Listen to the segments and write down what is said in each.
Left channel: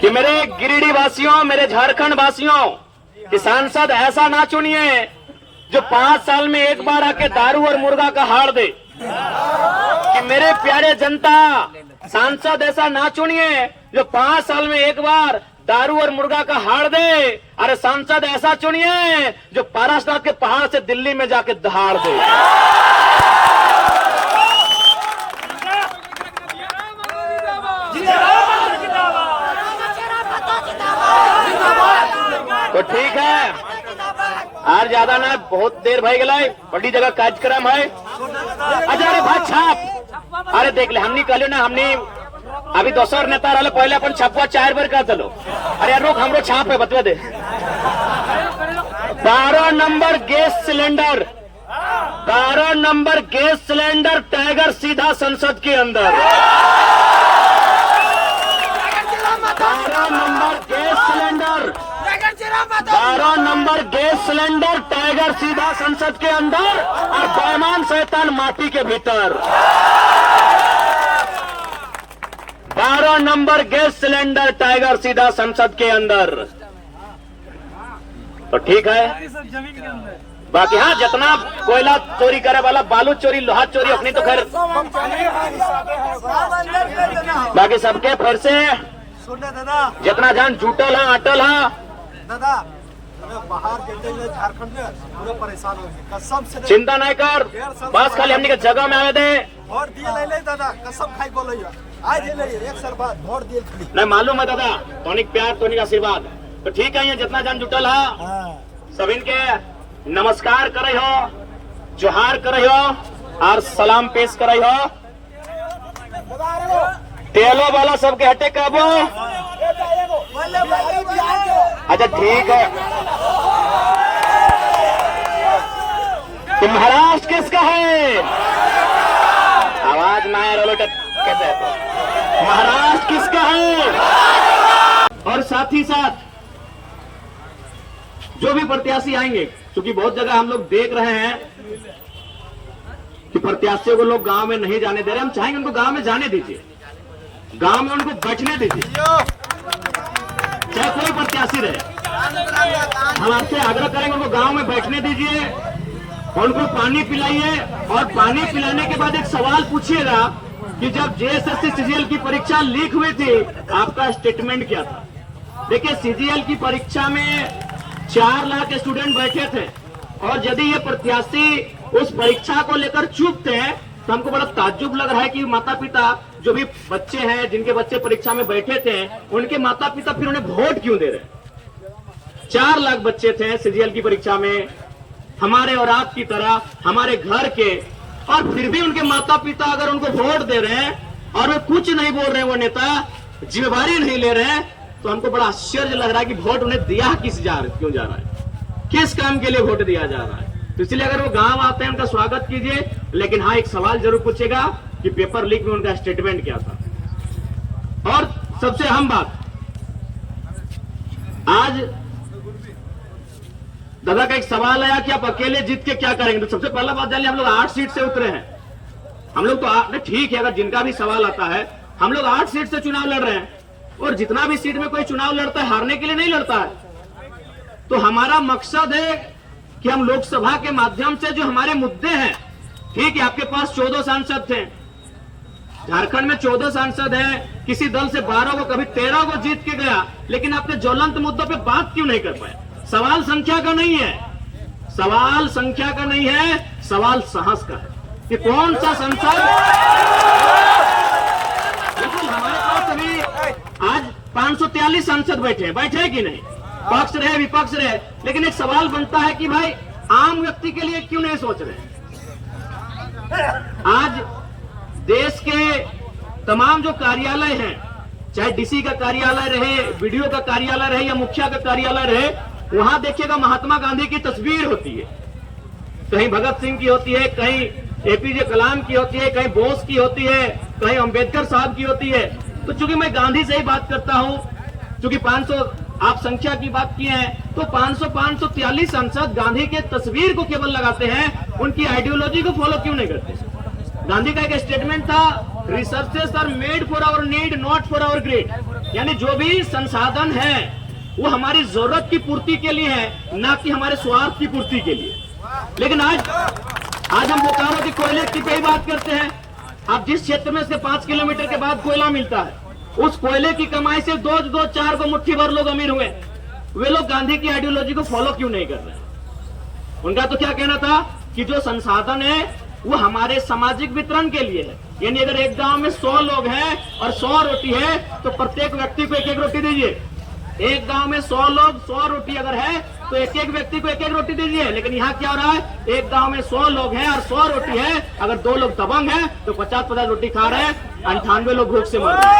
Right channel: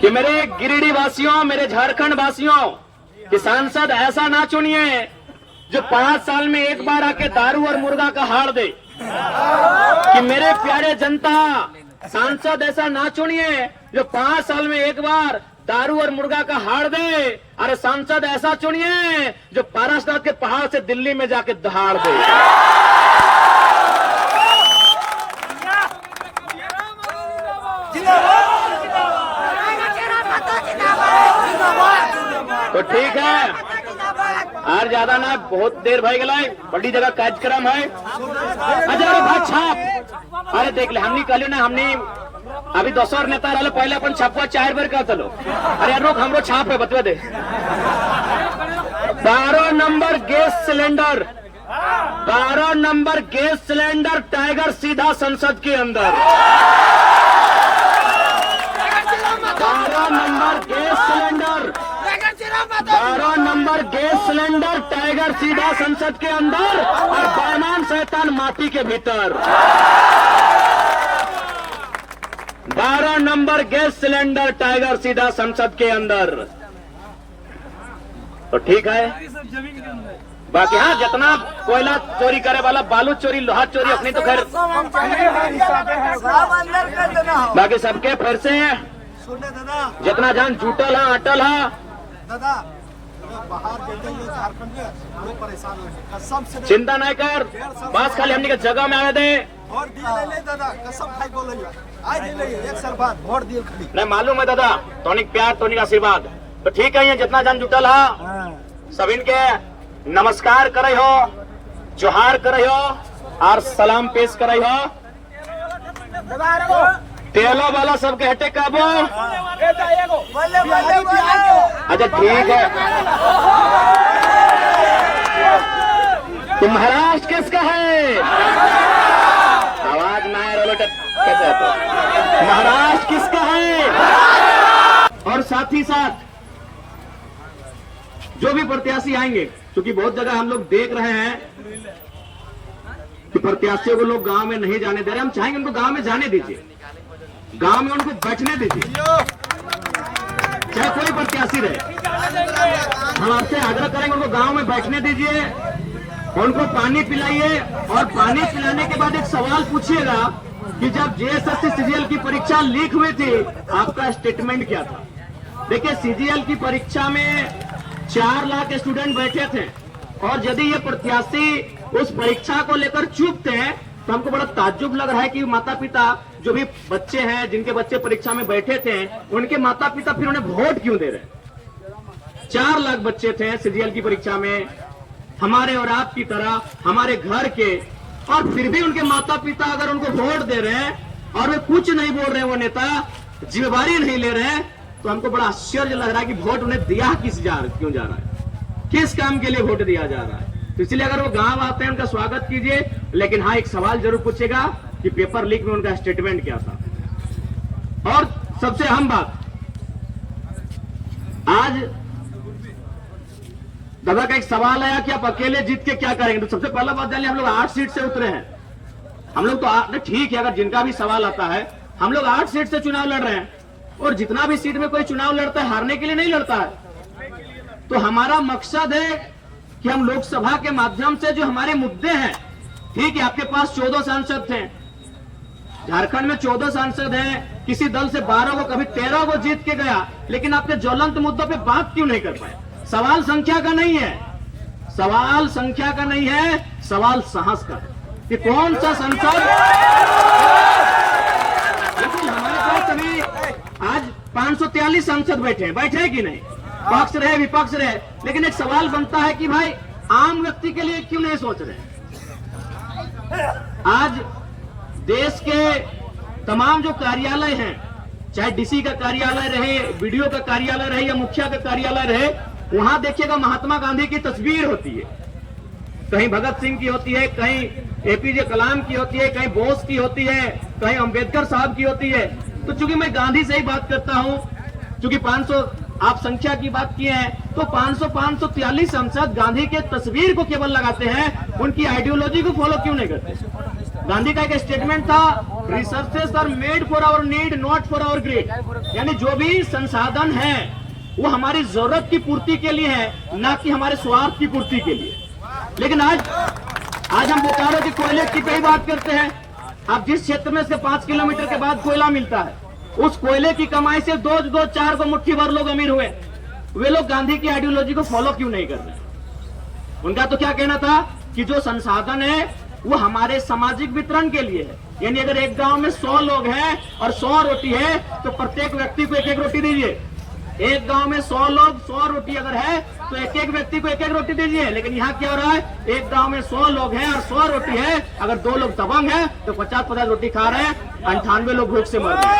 कि मेरे गिरिडीह वासियों, मेरे झारखंड वासियों, कि सांसद ऐसा ना चुनिए जो 5 साल में एक बार आके दारू और मुर्गा का हार दे। कि मेरे प्यारे जनता, सांसद ऐसा ना चुनिए जो 5 साल में एक बार दारू और मुर्गा का हार दे। अरे सांसद ऐसा चुनिए जो पारासात के पहाड़ से दिल्ली में जाके दहाड़ दे। तो ठीक है, और ज्यादा ना, बहुत देर भई गई, बड़ी जगह कार्यक्रम है। अरे भाई छाप, अरे देख ले, हमने कहलियो ना, हमने अभी दोसर नेता रहे, पहले अपन छापुआ 4 बार कर चलो। अरे यार रुक, हमरो छाप है, बतवा दे। 12 number gas cylinder, 12 number gas cylinder tiger सीधा संसद के अंदर। 12 number gas cylinder, 12 number gas cylinder tiger सीधा संसद के अंदर, और बेईमान शैतान माटी के भीतर। 12 नंबर गैस सिलेंडर टाइगर सीधा संसद के अंदर। तो ठीक है, बाकी हाँ, जितना कोयला चोरी करे वाला, बालू चोरी, लोहा चोरी, अपनी तो खैर, बाकी सबके फिर से जितना जान जुटल है, अटल है दादा। बाहर देते हुए झारखंड में पूरे परेशान हो, कसम से चिंता नहीं कर, बस खाली हमने के जगह में आवे दे। और दिया नहीं दादा, कसम खाई को लइया आज एक साल बाद वोट दिए खाली नहीं मालूम है दादा, तोनिक प्यार, तोनिक आशीर्वाद। तो ठीक है, ये जितना जान जुटल है सब इनके नमस्कार करे हो, जोहार करे हो और सलाम पेश करे हो। तेलो वाला सबके हटे काबू। अच्छा ठीक है, तो महाराष्ट्र किसका है? आवाज ना आए, कैसे है? तो महाराष्ट्र किसका है? और साथ ही साथ जो भी प्रत्याशी आएंगे, क्योंकि बहुत जगह हम लोग देख रहे हैं कि प्रत्याशियों को लोग गांव में नहीं जाने दे रहे। हम चाहेंगे उनको गांव में जाने दीजिए, गांव में उनको बैठने दीजिए, चाहे कोई प्रत्याशी रहे। हम आपसे आग्रह करेंगे उनको गांव में बैठने दीजिए, उनको पानी पिलाइए, और पानी पिलाने के बाद एक सवाल पूछिएगा कि जब जेएसएससी सीजीएल की परीक्षा लीक हुई थी, आपका स्टेटमेंट क्या था? देखिए, सीजीएल की परीक्षा में 4 लाख स्टूडेंट बैठे थे, और यदि ये प्रत्याशी उस परीक्षा को लेकर चुप थे, तो हमको बड़ा ताज्जुब लग रहा है कि माता पिता, जो भी बच्चे हैं, जिनके बच्चे परीक्षा में बैठे थे, उनके माता पिता फिर उन्हें वोट क्यों दे रहे? 4 लाख बच्चे थे सीजीएल की परीक्षा में, हमारे और आपकी तरह, हमारे घर के, और फिर भी उनके माता पिता अगर उनको वोट दे रहे हैं और वे कुछ नहीं बोल रहे, वो नेता जिम्मेवारी नहीं ले रहे हैं, तो हमको बड़ा आश्चर्य लग रहा है कि वोट उन्हें दिया क्यों जा रहा है, किस काम के लिए वोट दिया जा रहा है। तो इसलिए अगर वो गांव आते हैं, उनका स्वागत कीजिए, लेकिन हाँ, एक सवाल जरूर पूछेगा कि पेपर लीक में उनका स्टेटमेंट क्या था। और सबसे अहम बात, आज दादा का एक सवाल आया कि आप अकेले जीत के क्या करेंगे। तो सबसे पहला बात जानिए, हम लोग 8 सीट से उतरे हैं। हम लोग तो ठीक है, अगर जिनका भी सवाल आता है, हम लोग 8 सीट से चुनाव लड़ रहे हैं, और जितना भी सीट में कोई चुनाव लड़ता है, हारने के लिए नहीं लड़ता है। तो हमारा मकसद है कि हम लोकसभा के माध्यम से जो हमारे मुद्दे हैं, ठीक है, आपके पास 14 सांसद थे, झारखंड में 14 सांसद हैं, किसी दल से 12 को, कभी 13 को जीत के गया, लेकिन आपके ज्वलंत मुद्दों पे बात क्यों नहीं कर पाए? सवाल संख्या का नहीं है, सवाल संख्या का नहीं है, सवाल साहस का है कि कौन सा संसद। बिल्कुल, हमारे पास अभी आज 543 सांसद बैठे हैं कि नहीं? पक्ष रहे, विपक्ष रहे, लेकिन एक सवाल बनता है कि भाई आम व्यक्ति के लिए क्यों नहीं सोच रहे? आज देश के तमाम जो कार्यालय हैं, चाहे डीसी का कार्यालय रहे, बीडीओ का कार्यालय रहे या मुखिया का कार्यालय रहे, वहां देखिएगा महात्मा गांधी की तस्वीर होती है, कहीं भगत सिंह की होती है, कहीं एपीजे कलाम की होती है, कहीं बोस की होती है, कहीं अंबेडकर साहब की होती है। तो चूंकि मैं गांधी से ही बात करता हूं, चूंकि 500 आप संख्या की बात किए हैं, तो 543 सांसद गांधी के तस्वीर को केवल लगाते हैं, उनकी आइडियोलॉजी को फॉलो क्यों नहीं करते? गांधी का एक स्टेटमेंट था resources are made for our need, not for our greed. यानी जो भी संसाधन है वो हमारी जरूरत की पूर्ति के लिए है, ना कि हमारे स्वार्थ की पूर्ति के लिए। लेकिन आज हम बोकारो के कोयले की पे ही बात करते हैं। अब जिस क्षेत्र में से 5 किलोमीटर के बाद कोयला मिलता है, उस कोयले की कमाई से दो चार को मुट्ठी भर लोग अमीर हुए। वे लोग गांधी की आइडियोलॉजी को फॉलो क्यों नहीं कर रहे? उनका तो क्या कहना था कि जो संसाधन है वो हमारे सामाजिक वितरण के लिए है। यानी अगर एक गांव में 100 लोग हैं और 100 रोटी है तो प्रत्येक व्यक्ति को एक एक रोटी दीजिए। एक गांव में 100 लोग 100 रोटी अगर है तो एक एक व्यक्ति को एक एक रोटी दीजिए। लेकिन यहाँ क्या हो रहा है, एक गांव में 100 लोग हैं और 100 रोटी है, अगर 2 लोग दबंग हैं तो 50-50 रोटी खा रहे हैं, 98 लोग भूख से मर रहे हैं।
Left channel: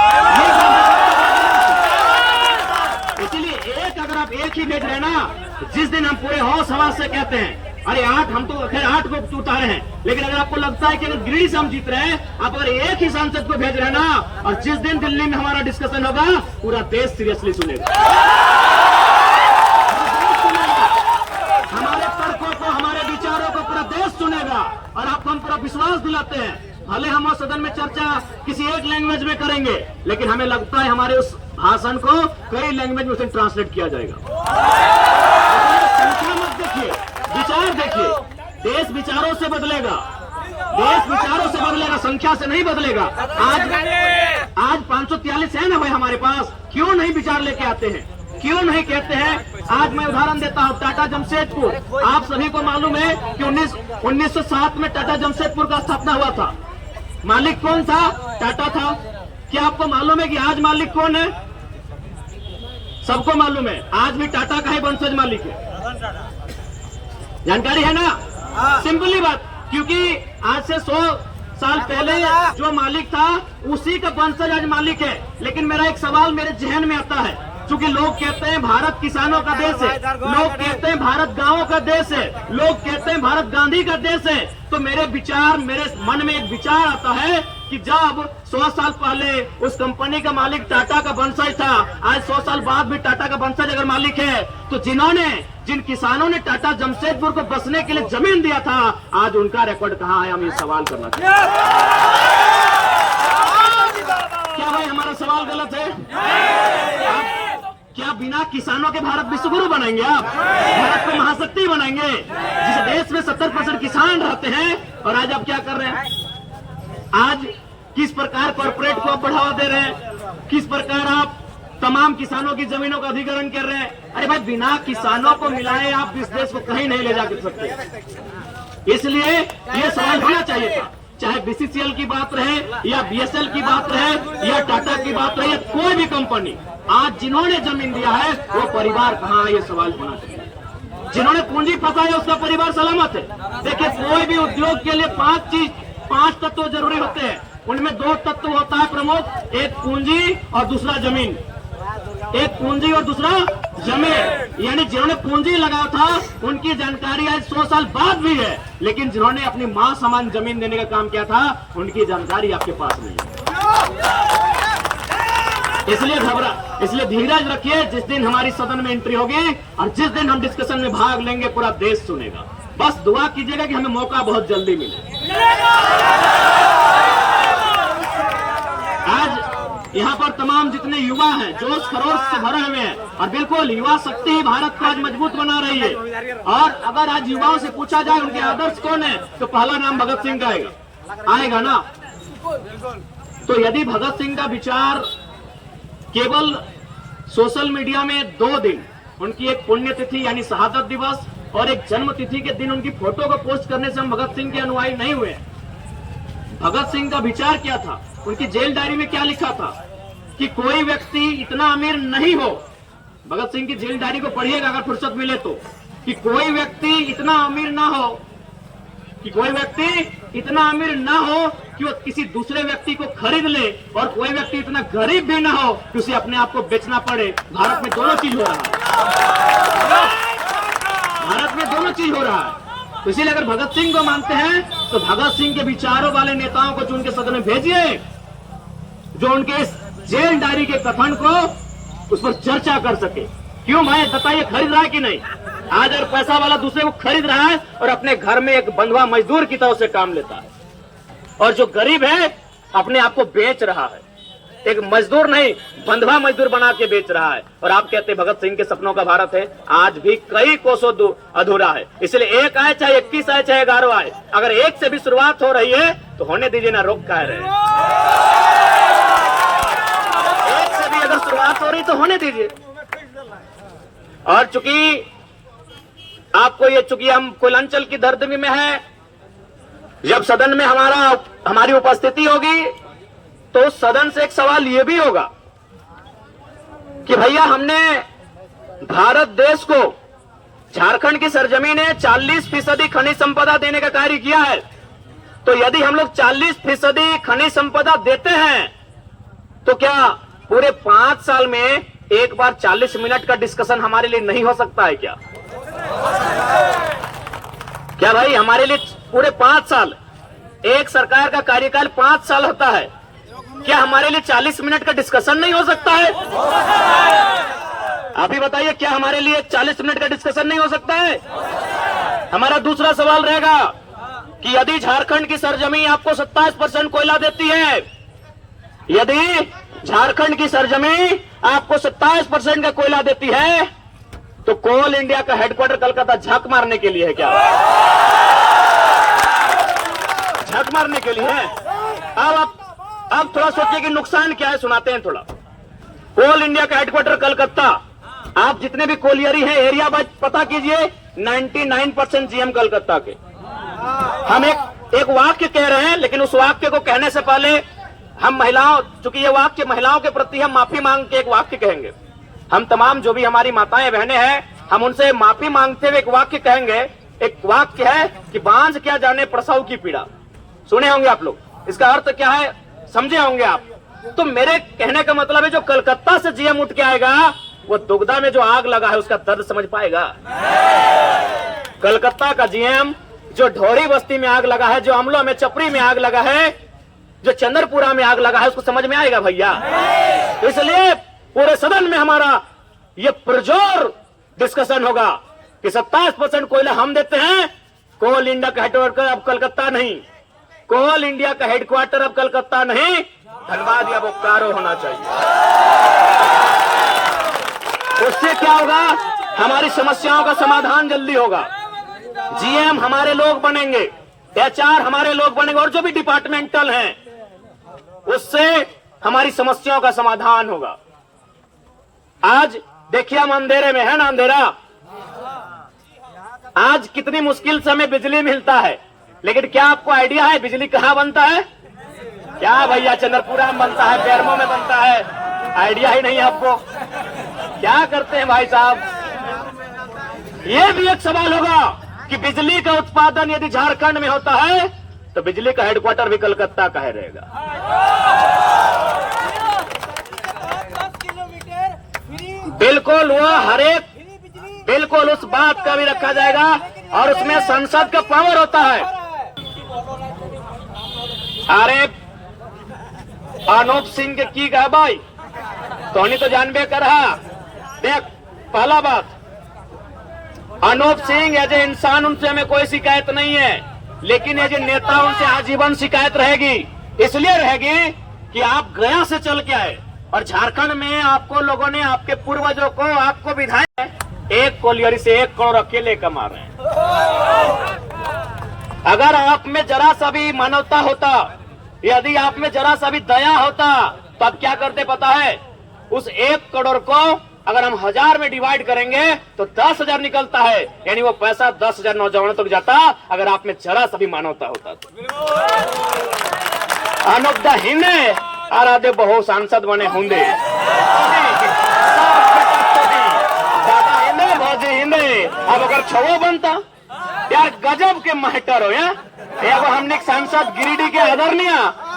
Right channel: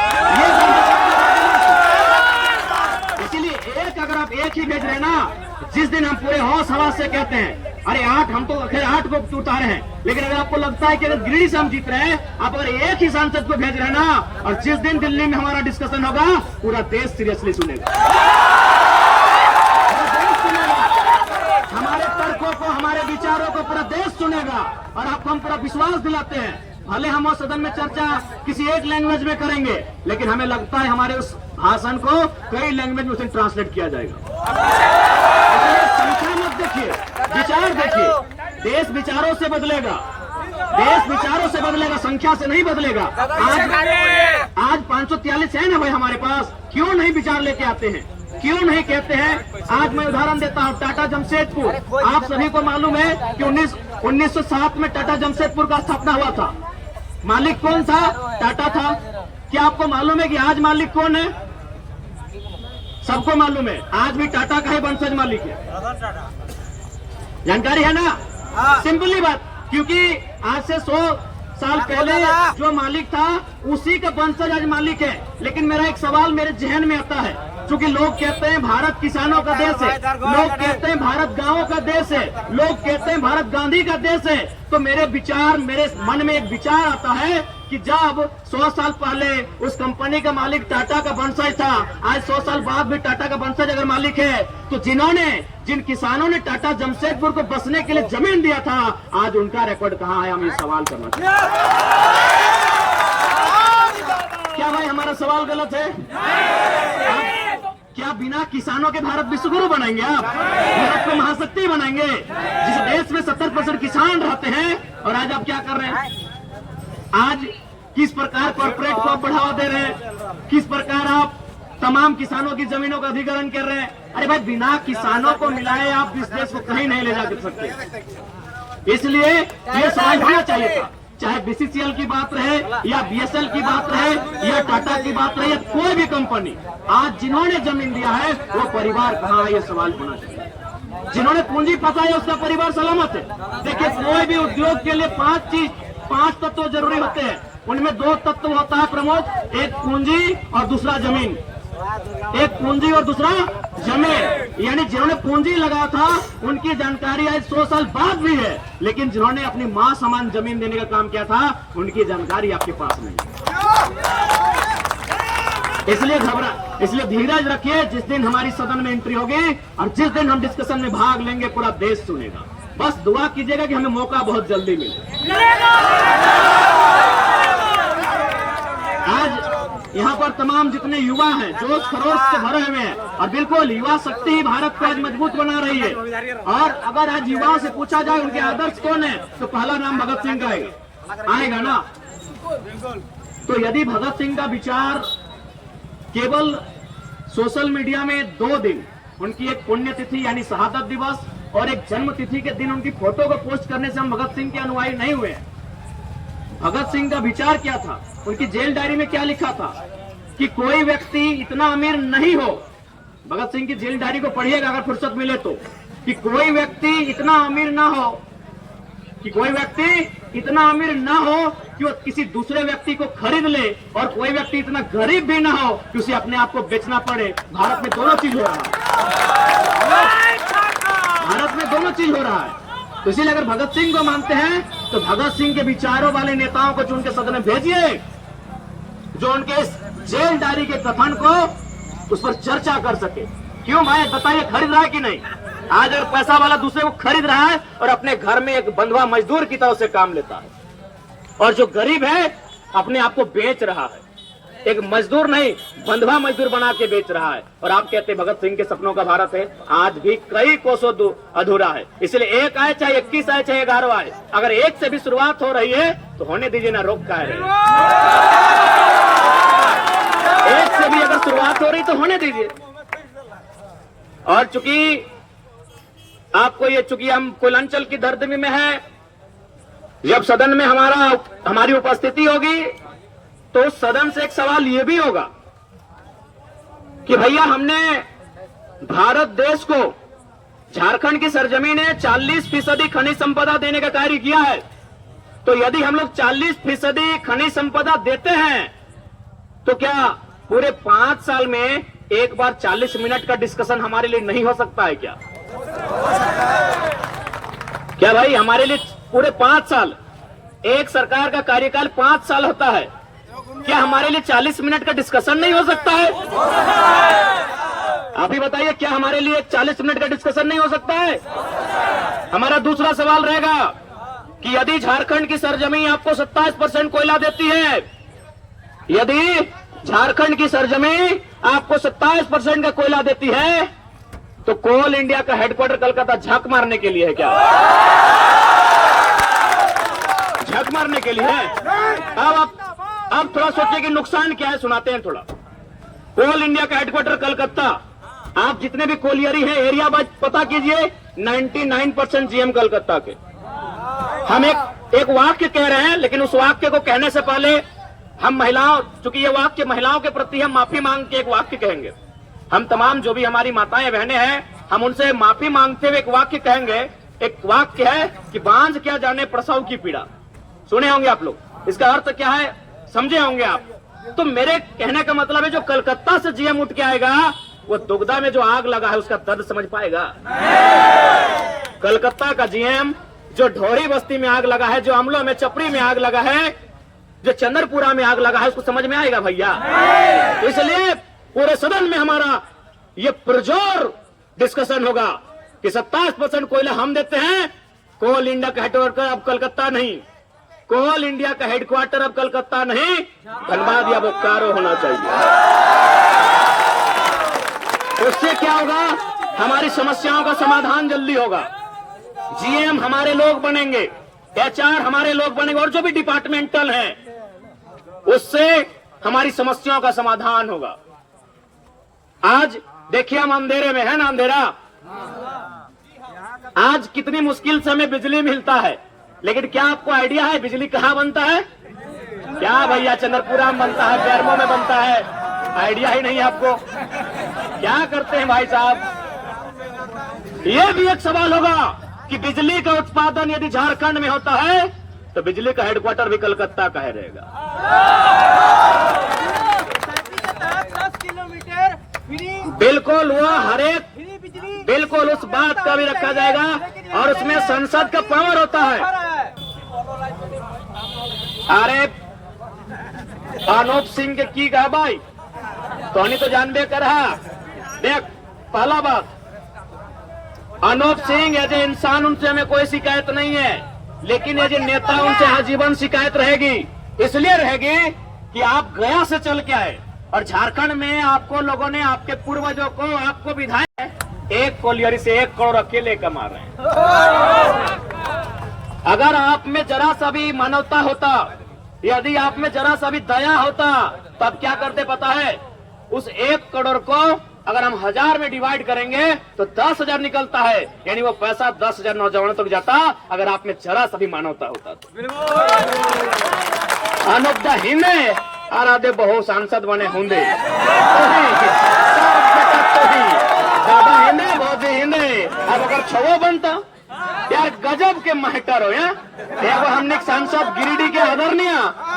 इसीलिए एक अगर आप एक ही भेज रहे हैं ना, जिस दिन हम पूरे होश हवास से कहते हैं अरे 8, हम तो खैर 8 को उतारे हैं, लेकिन अगर आपको लगता है कि अगर गिरिडीह से हम जीत रहे हैं, आप अगर एक ही सांसद को भेज रहे हैं ना, और जिस दिन दिल्ली में हमारा डिस्कशन होगा पूरा देश सीरियसली सुनेगा, हमारे तर्कों को, हमारे विचारों को पूरा देश सुनेगा। और आपको हम पूरा विश्वास दिलाते हैं, भले हम उस सदन में चर्चा किसी एक लैंग्वेज में करेंगे, लेकिन हमें लगता है हमारे उस भाषण को कई लैंग्वेज में उसे ट्रांसलेट किया जाएगा। संख्या मत देखिए, विचार देखिए। देश विचारों से बदलेगा, देश विचारों से बदलेगा, संख्या से नहीं बदलेगा। आज 543 है ना भाई हमारे पास, क्यों नहीं विचार लेके आते हैं, क्यों नहीं कहते हैं? आज मैं उदाहरण देता हूँ, टाटा जमशेदपुर, आप सभी को मालूम है कि 1907 में टाटा जमशेदपुर का स्थापना हुआ था। मालिक कौन था? टाटा था। क्या आपको मालूम है कि आज मालिक कौन है? सबको मालूम है, आज भी टाटा का ही वंशज मालिक है। जानकारी है ना? सिंपली बात, क्योंकि आज से 100 साल पहले जो मालिक था उसी का वंशज आज मालिक है। लेकिन मेरा एक सवाल मेरे जहन में आता है, क्योंकि लोग कहते हैं भारत किसानों का देश है, लोग कहते हैं भारत गांवों का देश है, लोग कहते हैं भारत गांधी का देश है, तो मेरे मन में एक विचार आता है कि जब 100 साल पहले उस कंपनी का मालिक टाटा का वंशज था, आज 100 साल बाद भी टाटा का वंशज अगर मालिक है, तो जिन किसानों ने टाटा जमशेदपुर को बसने के लिए जमीन दिया था, आज उनका रिकॉर्ड कहाँ है? हम ये सवाल करना चाहते क्या भाई हमारा सवाल गलत है? आप क्या बिना किसानों के भारत विश्वगुरु बनाएंगे? आप भारत को महाशक्ति बनाएंगे, जिस देश में 70% किसान रहते हैं? और आज आप क्या कर रहे हैं? आज किस प्रकार कॉर्पोरेट को बढ़ावा दे रहे हैं, किस प्रकार आप तमाम किसानों की जमीनों का अधिग्रहण कर रहे हैं? अरे भाई, बिना किसानों को मिलाए आप इस देश को कहीं नहीं ले जा सकते। इसलिए ये सवाल होना चाहिए था, चाहे बीसीसीएल की बात रहे या बीएसएल की बात रहे या टाटा की बात रहे या कोई भी कंपनी, आज जिन्होंने जमीन दिया है वो परिवार कहाँ है? ये सवाल होना चाहिए। जिन्होंने पूंजी फंसाया उसका परिवार सलामत है। देखिए, कोई भी उद्योग के लिए 5 तत्व जरूरी होते हैं, उनमें 2 तत्व होता है प्रमुख, एक पूंजी और दूसरा जमीन। एक पूंजी और दूसरा जमीन। यानी जिन्होंने पूंजी लगाया था उनकी जानकारी आज 100 साल बाद भी है, लेकिन जिन्होंने अपनी मां समान जमीन देने का काम किया था उनकी जानकारी आपके पास नहीं है। इसलिए धीरज रखिए। जिस दिन हमारी सदन में एंट्री होगी और जिस दिन हम डिस्कशन में भाग लेंगे, पूरा देश सुनेगा। बस दुआ कीजिएगा कि हमें मौका बहुत जल्दी मिले। आज यहाँ पर तमाम जितने युवा हैं जोश खरोश से भरे हुए हैं, और बिल्कुल युवा शक्ति ही भारत को आज मजबूत बना रही है। और अगर आज युवाओं से पूछा जाए उनके आदर्श कौन है, तो पहला नाम भगत सिंह का आएगा ना। तो यदि भगत सिंह का विचार केवल सोशल मीडिया में 2 दिन, उनकी एक पुण्यतिथि यानी शहादत दिवस और एक जन्म तिथि के दिन उनकी फोटो को पोस्ट करने से हम भगत सिंह के अनुयायी नहीं हुए। भगत सिंह का विचार क्या था? उनकी जेल डायरी में क्या लिखा था कि कोई व्यक्ति इतना अमीर नहीं हो। भगत सिंह की जेल डायरी को पढ़िएगा अगर फुर्सत मिले तो, कि कोई व्यक्ति इतना अमीर ना हो, कि कोई व्यक्ति इतना अमीर ना हो कि वो किसी दूसरे व्यक्ति को खरीद ले, और कोई व्यक्ति इतना गरीब भी ना हो कि उसे अपने आप को बेचना पड़े। भारत में दोनों चीज हो रहा है, भारत में दोनों चीज हो रहा है। तो इसीलिए अगर भगत सिंह को मानते हैं तो भगत सिंह के विचारों वाले नेताओं को चुन के सदन में भेजिए, जो उनके इस जेल डायरी के कथन को उस पर चर्चा कर सके। क्यों भाई बताइए, खरीद रहा है कि नहीं? आज अगर पैसा वाला दूसरे को खरीद रहा है और अपने घर में एक बंधुआ मजदूर की तरह से काम लेता है, और जो गरीब है अपने आप को बेच रहा है, एक मजदूर नहीं बंधवा मजदूर बना के बेच रहा है। और आप कहते हैं भगत सिंह के सपनों का भारत है, आज भी कई कोसों अधूरा है। इसलिए एक आए चाहे 21 आए चाहे 11 आए, अगर एक से भी शुरुआत हो रही है तो होने दीजिए ना, रोक कह रहे हैं। एक से भी अगर शुरुआत हो रही तो होने दीजिए। और चूंकि आपको ये, चूंकि हम कुलांचल की धरती में है, जब सदन में हमारी उपस्थिति होगी तो सदन से एक सवाल ये भी होगा कि भैया हमने भारत देश को, झारखंड की सरजमीन है, 40% खनिज संपदा देने का कार्य किया है। तो यदि हम लोग 40% खनिज संपदा देते हैं तो क्या पूरे 5 साल में एक बार 40 मिनट का डिस्कशन हमारे लिए नहीं हो सकता है क्या? क्या भाई हमारे लिए पूरे 5 साल, एक सरकार का कार्यकाल 5 साल होता है, क्या हमारे लिए 40 मिनट का डिस्कशन नहीं हो सकता है? आप ही बताइए, क्या हमारे लिए 40 मिनट का डिस्कशन नहीं हो सकता है? हमारा दूसरा सवाल रहेगा कि यदि झारखंड की सरजमीन आपको 27% कोयला देती है, यदि झारखंड की सरजमीन आपको 27% का कोयला देती है, तो कोल इंडिया का हेडक्वार्टर कलकत्ता झक मारने के लिए है क्या? झक मारने के लिए है? अब थोड़ा सोचिए कि नुकसान क्या है, सुनाते हैं थोड़ा। कोल इंडिया का हेडक्वार्टर कलकत्ता, आप जितने भी कोलियरी हैं एरिया वाइज पता कीजिए, 99% जीएम कलकत्ता के। हम एक वाक्य कह रहे हैं, लेकिन उस वाक्य को कहने से पहले हम महिलाओं, चूंकि ये वाक्य महिलाओं के प्रति हम माफी मांग के एक वाक्य कहेंगे। हम तमाम जो भी हमारी माताएं बहनें हैं, हम उनसे माफी मांगते हुए एक वाक्य कहेंगे। एक वाक्य है कि बांझ क्या जाने प्रसव की पीड़ा, सुने होंगे आप लोग। इसका अर्थ क्या है समझे होंगे आप। तो मेरे कहने का मतलब है, जो कलकत्ता से जीएम उठ के आएगा वो दुगदा में जो आग लगा है उसका दर्द समझ पाएगा? कलकत्ता का जीएम जो ढोरी बस्ती में आग लगा है, जो अमला में चपरी में आग लगा है, जो चंद्रपुरा में आग लगा है, उसको समझ में आएगा भैया? इसलिए पूरे सदन में हमारा ये पुरजोर डिस्कशन होगा कि 27% कोयला हम देते हैं, कोल इंडिया का हेडक्वार्टर अब कलकत्ता नहीं, कोल इंडिया का हेडक्वार्टर अब कलकत्ता नहीं, धनबाद या बोकारो होना चाहिए। उससे क्या होगा? हमारी समस्याओं का समाधान जल्दी होगा। जीएम हमारे लोग बनेंगे, एचआर हमारे लोग बनेंगे, और जो भी डिपार्टमेंटल हैं, उससे हमारी समस्याओं का समाधान होगा। आज देखिए हम अंधेरे में है ना, अंधेरा। आज कितनी मुश्किल से हमें बिजली मिलता है, लेकिन क्या आपको आइडिया है बिजली कहां बनता है? क्या भैया चंद्रपुरा में बनता है, बेरमो में बनता है, आइडिया ही नहीं है आपको। क्या करते हैं भाई साहब? ये भी एक सवाल होगा कि बिजली का उत्पादन यदि झारखंड में होता है तो बिजली का हेडक्वार्टर भी कलकत्ता का है रहेगा। बिल्कुल वो हरेक, बिल्कुल उस बात का भी रखा जाएगा, और उसमें संसद का पावर होता है। अरे अनूप सिंह के की कहा भाई, तोनी तो जानबे कर रहा। देख, पहला बात, अनूप सिंह एज ए इंसान उनसे हमें कोई शिकायत नहीं है, लेकिन एज ए नेता उनसे आजीवन शिकायत रहेगी। इसलिए रहेगी कि आप गया से चल के आए, और झारखंड में आपको लोगों ने, आपके पूर्वजों को, आपको विधायक 1 कोलियरी से 1 करोड़ अकेले कमा रहे हैं। अगर आप में जरा सा भी मानवता होता, यदि आप में जरा सा भी दया होता, तब क्या करते पता है? उस 1 करोड़ को अगर हम 1000 में डिवाइड करेंगे तो 10,000 निकलता है, यानी वो पैसा 10,000 नौजवानों तक जाता, अगर आप में जरा सा भी मानवता होता तो। अनुप द हिंदे आराधे बहु सांसद बने होंगे, दादा हिंदे भौजी हिंदे। अब अगर छवो बनता, यार गजब के महटर हो यार। एगो हमने सांसद गिरिडीह के आदरणीय,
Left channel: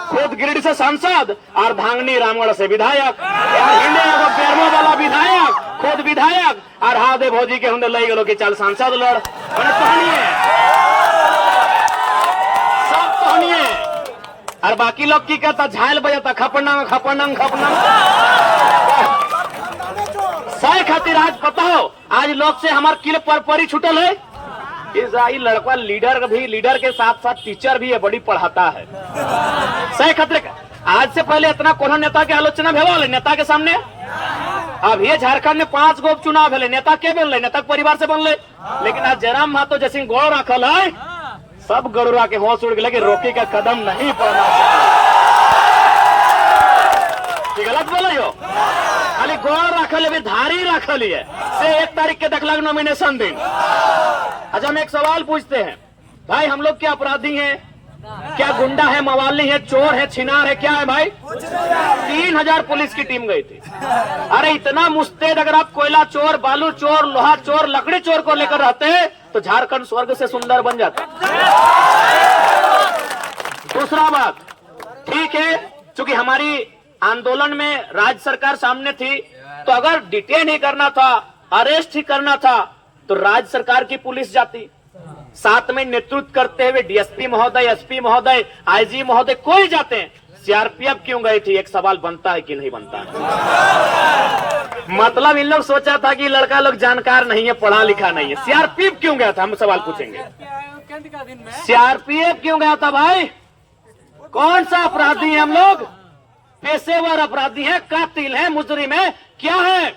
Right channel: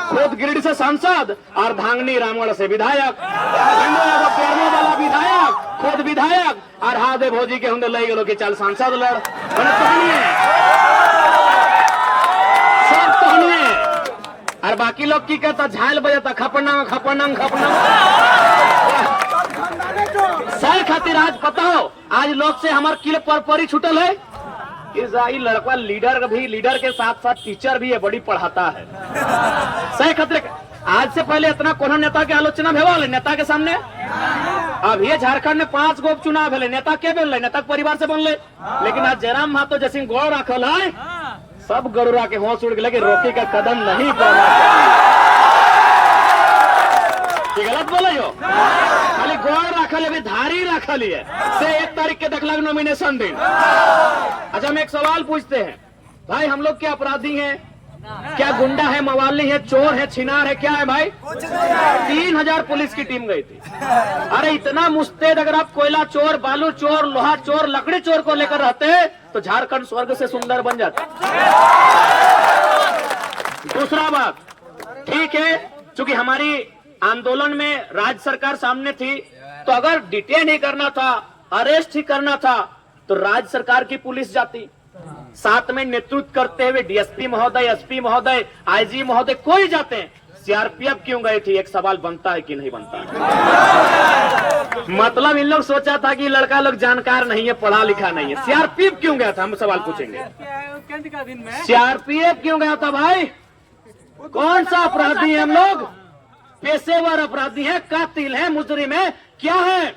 खुद गिरिडीह से सांसद, और धांगनी रामगढ़ से विधायक, यार हिंदे एगो बेरमो वाला विधायक, खुद विधायक, और हादे भौजी के हुंदे लई गलो कि चल सांसद लड़, मैंने तोहनिए सब तोहनिए। और बाकी लोग की कहता, झायल बजाता खपनंग खपनंग खपनंग। सही खातिर आज पता हो, आज लोग से हमार किल पर परी छुटल है। इस लड़का लीडर भी, लीडर के साथ साथ टीचर भी है, बड़ी पढ़ाता है। सही खातिर आज से पहले इतना कोनो नेता के आलोचना भेल नेता के सामने। अब ये झारखंड में 5 गो चुनाव भेले, नेता के बनले, नेता के परिवार से बनले। लेकिन आज जयराम महतो जैसे गोड़ रखल है, सब गरुड़ा के होश उड़ गए कि रोकी का कदम नहीं पड़ना चाहिए। गलत बोले हो, खाली गोड़ रखल है, धारी रखल है से 1 तारीख के देखलक नॉमिनेशन दिन। अच्छा, हम एक सवाल पूछते हैं भाई, हम लोग क्या अपराधी हैं? क्या गुंडा है, मवाली है, चोर है, छिनार है, क्या है भाई? 3000 पुलिस की टीम गई थी। अरे इतना मुस्तैद अगर आप कोयला चोर, बालू चोर, लोहा चोर, लकड़ी चोर को लेकर रहते तो झारखंड स्वर्ग से सुंदर बन जाता। दूसरा बात, ठीक है, चूंकि हमारी आंदोलन में राज्य सरकार सामने थी, तो अगर डिटेन ही करना था, अरेस्ट ही करना था, तो राज्य सरकार की पुलिस जाती। साथ में नेतृत्व करते हुए डीएसपी महोदय, एसपी महोदय, आईजी महोदय कोई जाते हैं। सीआरपीएफ क्यों गई थी? एक सवाल बनता है कि नहीं बनता? मतलब इन लोग सोचा था कि लड़का लोग जानकार नहीं है, पढ़ा लिखा नहीं है। सीआरपीएफ क्यों गया था? हम सवाल पूछेंगे, सीआरपीएफ क्यों गया था भाई? कौन सा अपराधी है हम लोग? पेशेवर अपराधी है, कातिल है, मुजरिम है, क्या है?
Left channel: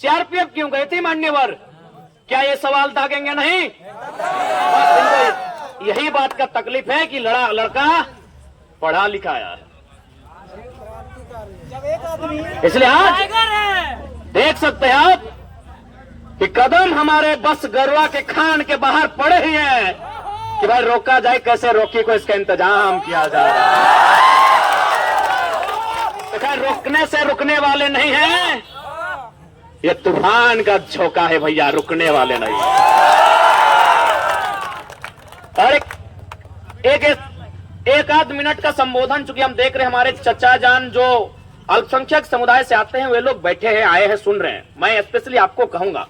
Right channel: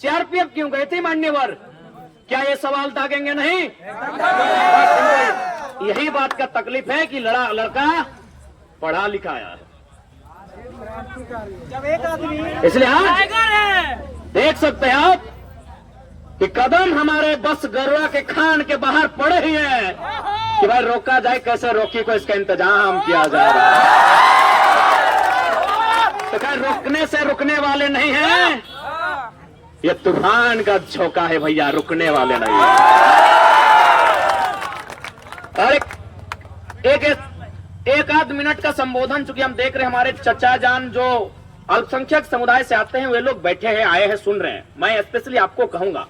सीआरपीएफ क्यों गई थी मान्यवर? क्या ये सवाल दागेंगे नहीं? बस इनको यही बात का तकलीफ है कि लड़का पढ़ा लिखा आया है। इसलिए आज देख सकते हैं आप कि कदम हमारे बस गरुआ के खान के बाहर पड़े ही हैं कि भाई रोका जाए, कैसे रोकी को इसका इंतजाम किया जा रहा है। तो खैर रोकने से रुकने वाले नहीं हैं, ये तूफान का झोंका है भैया, रुकने वाले नहीं। और एक आध मिनट का संबोधन, चूंकि हम देख रहे हैं हमारे चचा जान जो अल्पसंख्यक समुदाय से आते हैं, वे लोग बैठे हैं, आए हैं, सुन रहे हैं। मैं स्पेशली आपको कहूंगा,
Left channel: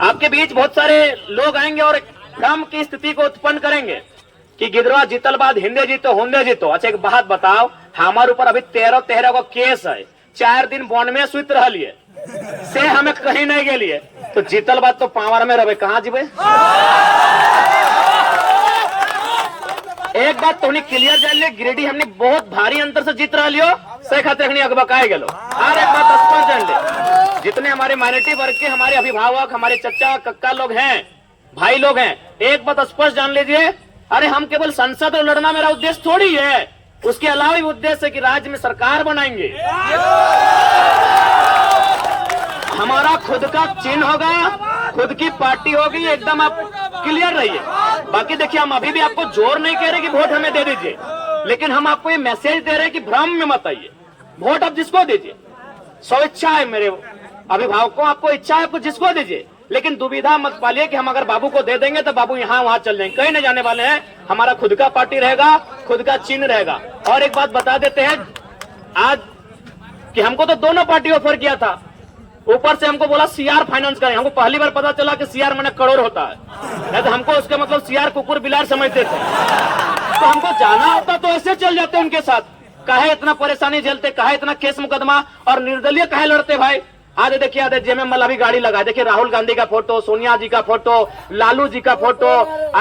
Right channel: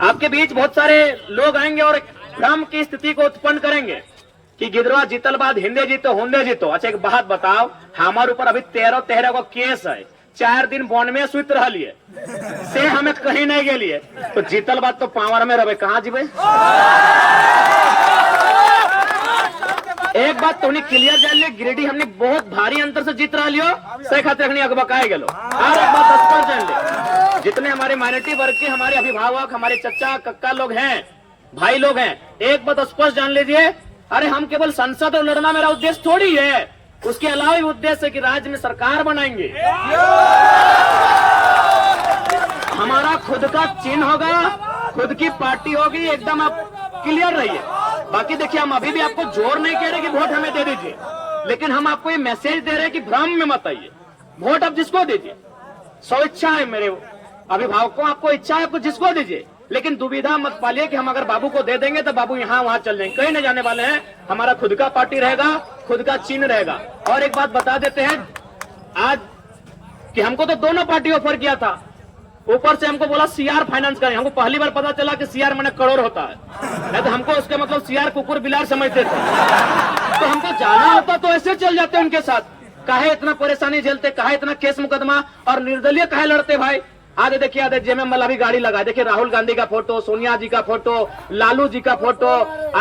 आपके बीच बहुत सारे लोग आएंगे और एक भ्रम की स्थिति को उत्पन्न करेंगे कि गिदरवा जीतल बाद हिंदे जीतो, होंदे जीतो। अच्छा एक बात बताओ, हमारे ऊपर अभी 13 को केस है, 4 दिन बॉन्ड में सुत रहा लिए से हमें कहीं नहीं गेलिए, तो जीतल बात तो पावर में रहे, कहां जीवे? एक बात तो उन्हें क्लियर जान लिया, गिरिडीह हमने बहुत भारी अंतर से जीत रहा लियो, से खाते अगबकाए गेलो। और एक बात स्पष्ट जान ले, जितने हमारे माइनॉरिटी वर्ग के हमारे अभिभावक, हमारे चचा कक्का लोग हैं, भाई लोग हैं, एक बात स्पष्ट जान लीजिए, अरे हम केवल संसद में लड़ना मेरा उद्देश्य थोड़ी है, उसके अलावा भी उद्देश्य है कि राज्य में सरकार बनाएंगे। हमारा खुद का चिन्ह होगा, खुद की पार्टी होगी, एकदम आप क्लियर रहिए। बाकी देखिए, हम अभी भी आपको जोर नहीं कह रहे कि वोट हमें दे दीजिए, लेकिन हम आपको ये मैसेज दे रहे हैं कि भ्रम में मत आइए। वोट आप जिसको दीजिए, स्वेच्छा है, मेरे अभिभावकों आपको इच्छा है, आपको जिसको दीजिए, लेकिन दुविधा मत पालिए कि हम अगर बाबू को दे देंगे तो बाबू यहाँ वहां चल जाएंगे, कहीं नहीं जाने वाले हैं। हमारा खुद का पार्टी रहेगा, खुद का चिन्ह रहेगा। और एक बात बता देते हैं आज कि हमको तो दोनों पार्टी ऑफर किया था, ऊपर से हमको बोला सीआर फाइनेंस करें। हमको पहली बार पता चला कि सीआर मैंने करोड़ होता है, नहीं तो हमको उसका मतलब सीआर कुकुर बिलार समझते थे। तो हमको जाना होता तो ऐसे चल जाते उनके साथ, काहे इतना परेशानी झेलते, काहे इतना केस मुकदमा और निर्दलीय काहे लड़ते भाई। आज देखिए, आज जेएमएम अभी गाड़ी लगा, देखिए राहुल गांधी का फोटो, सोनिया जी का फोटो, लालू जी का फोटो,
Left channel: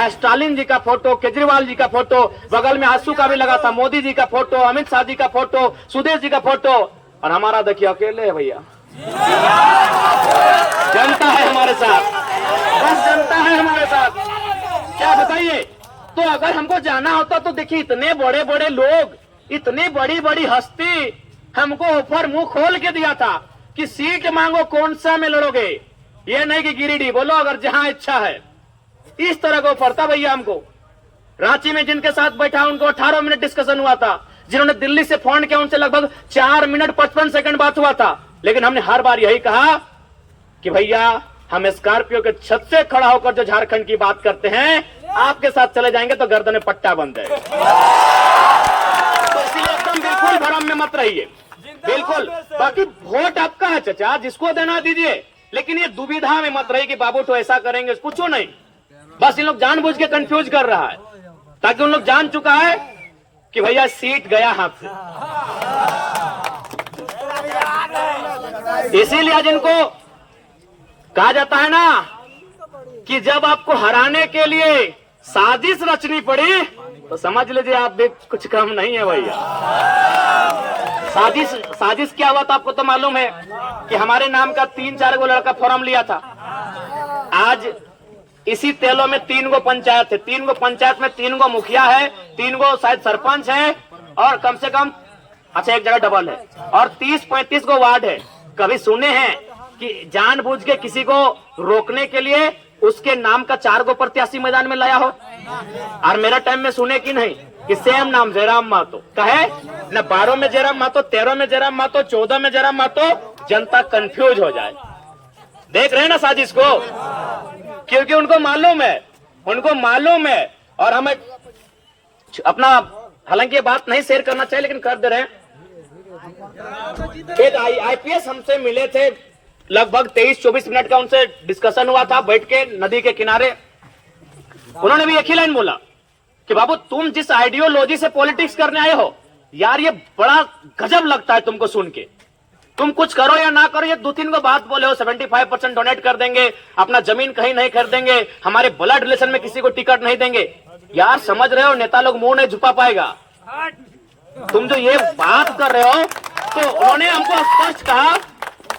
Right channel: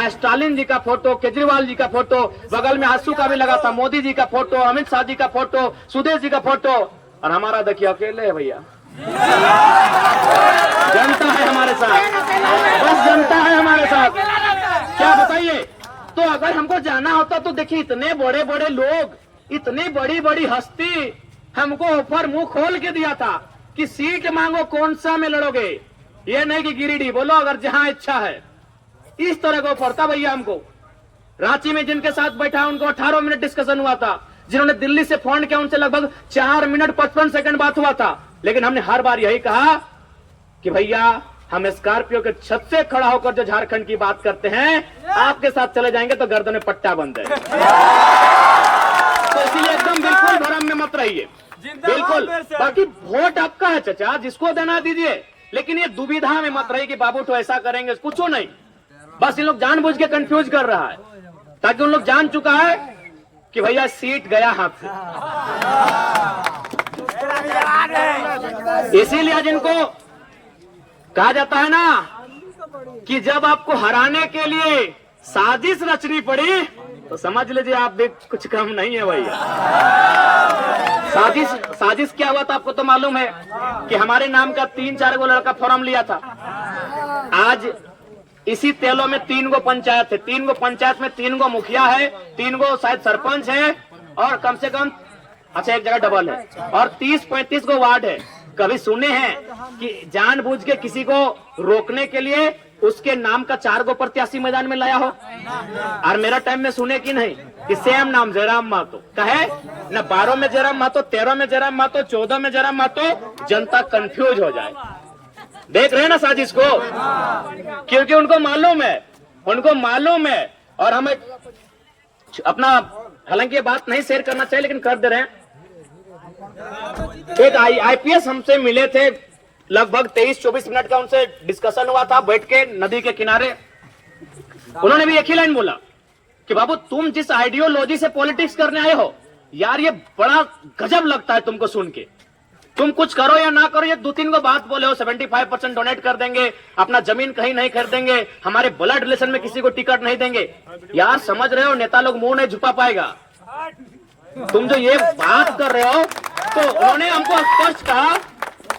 स्टालिन जी का फोटो, केजरीवाल जी का फोटो, बगल में आंसू का भी लगा था, मोदी जी का फोटो, अमित शाह जी का फोटो, सुदेश जी का फोटो, और हमारा देखिए अकेले है भैया। जनता है हमारे साथ, बस जनता है हमारे साथ, क्या बताइए। तो अगर हमको जाना होता तो देखिए, इतने बड़े बड़े लोग, इतनी बड़ी बड़ी हस्ती हमको ऑफर मुंह खोल के दिया था कि सीट मांगो, कौन सा में लड़ोगे, ये नहीं कि गिरिडीह बोलो अगर जहां इच्छा है। इस तरह का ऑफर था भैया हमको। रांची में जिनके साथ बैठा उनको 18 मिनट डिस्कशन हुआ था, जिन्होंने दिल्ली से फोन किया उनसे लगभग 4 मिनट 55 सेकंड बात हुआ था। लेकिन हमने हर बार यही कहा कि भैया हम स्कॉर्पियो के छत से खड़ा होकर जो झारखंड की बात करते हैं, आपके साथ चले जाएंगे तो गर्दन में पट्टा बन जाएगा। तो इसीलिए एकदम बिल्कुल भरम में मत रहिए, बिल्कुल। बाकी वोट आपका है चचा, जिसको देना दीजिए, लेकिन ये दुविधा में मत रहिए कि बाबू तो ऐसा करेंगे, पूछो नहीं। बस इन लोग जानबूझ के कंफ्यूज कर रहा है, ताकि उन लोग जान चुका है कि भैया सीट गया हाथ से। इसीलिए आज इनको कहा जाता है ना कि जब आपको हराने के लिए साजिश रचनी पड़ी तो समझ लीजिए आप भी कुछ कम नहीं है भैया। साजिश क्या हुआ था आपको तो मालूम है कि हमारे नाम का 3-4 गो लड़का फॉर्म लिया था। आज इसी तेलों में 3 गो पंचायत है, 3 गो पंचायत में 3 गो मुखिया है, 3 गो शायद सरपंच है, और कम से कम अच्छा एक जगह डबल है, और 30-35 गो वार्ड है। कभी सुने हैं कि जानबूझ के किसी को रोकने के लिए उसके नाम का 4 गो प्रत्याशी मैदान में लाया हो? और मेरा टाइम में सुने कि नहीं कि सेम नाम जयराम महतो कहे न, 12 में जयराम महतो, 13 में जयराम महतो, 14 में जयराम महतो, जनता कंफ्यूज हो जाए। देख रहे हैं ना साजिश को, क्योंकि उनको मालूम है। और हमें अपना, हालांकि ये बात नहीं शेयर करना चाहिए लेकिन कर दे रहे हैं। एक आईपीएस हमसे मिले थे, लगभग 23-24 मिनट का उनसे डिस्कशन हुआ था बैठ के नदी के किनारे। उन्होंने भी एक ही लाइन बोला कि बाबू तुम जिस आइडियोलॉजी से पॉलिटिक्स करने आए हो यार, ये बड़ा गजब लगता है तुमको सुन के। तुम कुछ करो या ना करो, ये 2-3 को बात बोले हो, 75% डोनेट कर देंगे, अपना जमीन कहीं नहीं खरीदेंगे, हमारे ब्लड रिलेशन में किसी को टिकट नहीं देंगे। यार समझ रहे हो, नेता लोग मुंह नहीं झुपा पाएगा। तुम जो ये बात कर रहे हो, तो उन्होंने हमको स्पष्ट कहा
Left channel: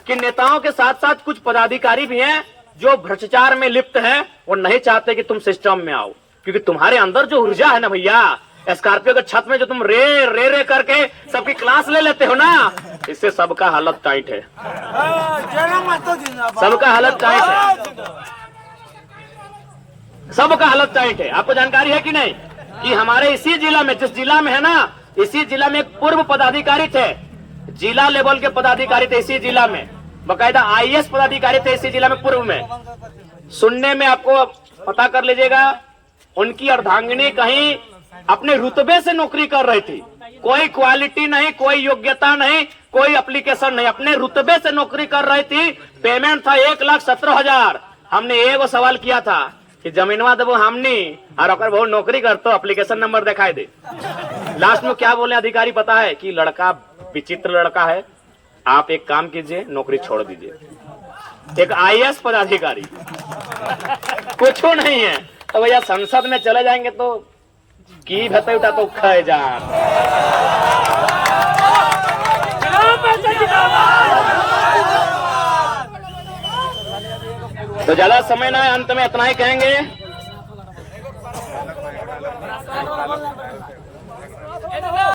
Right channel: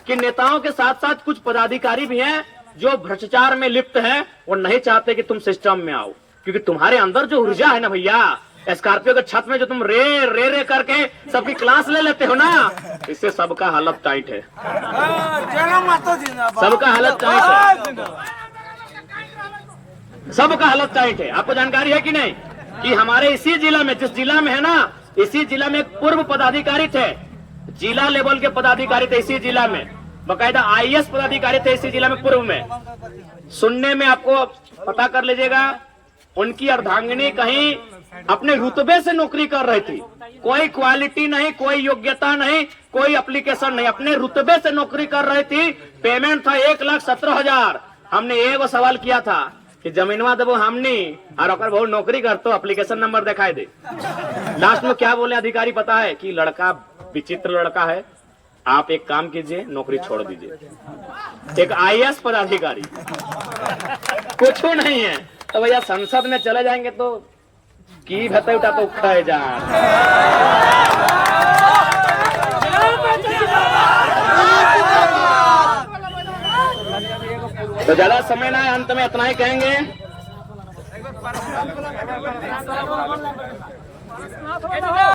कि नेताओं के साथ साथ कुछ पदाधिकारी भी हैं जो भ्रष्टाचार में लिप्त हैं, वो नहीं चाहते कि तुम सिस्टम में आओ, क्योंकि तुम्हारे अंदर जो ऊर्जा है ना भैया, स्कॉर्पियो के छत में जो तुम रे करके सबकी क्लास ले लेते हो ना, इससे सबका हालत टाइट है, सबका हालत टाइट है। आपको जानकारी है कि नहीं कि हमारे इसी जिला में, जिस जिला में है ना, इसी जिला में एक पूर्व पदाधिकारी थे, जिला लेवल के पदाधिकारी थे इसी जिला में, बकायदा आईएएस पदाधिकारी थे इसी जिला में पूर्व में। सुनने में आपको पता कर लीजिएगा, उनकी अर्धांगिनी कहीं अपने रुतबे से नौकरी कर रही थी, कोई क्वालिटी नहीं, कोई योग्यता नहीं, कोई एप्लीकेशन नहीं, अपने रुतबे से नौकरी कर रही थी। पेमेंट था 1,17,000। हमने एगो सवाल किया था कि जमीनवा देवो हमनी और अगर बहुत नौकरी कर तो एप्लीकेशन नंबर दिखाई दे। लास्ट में क्या बोले अधिकारी पता है कि लड़का विचित्र लड़का है, आप एक काम कीजिए, नौकरी छोड़ दीजिए। एक आईएएस पदाधिकारी कुछ नहीं है, तो भैया संसद में चले जाएंगे तो की भते उठा तो खाए जा। तो ज्यादा समय ना है, अंत में इतना ही कहेंगे।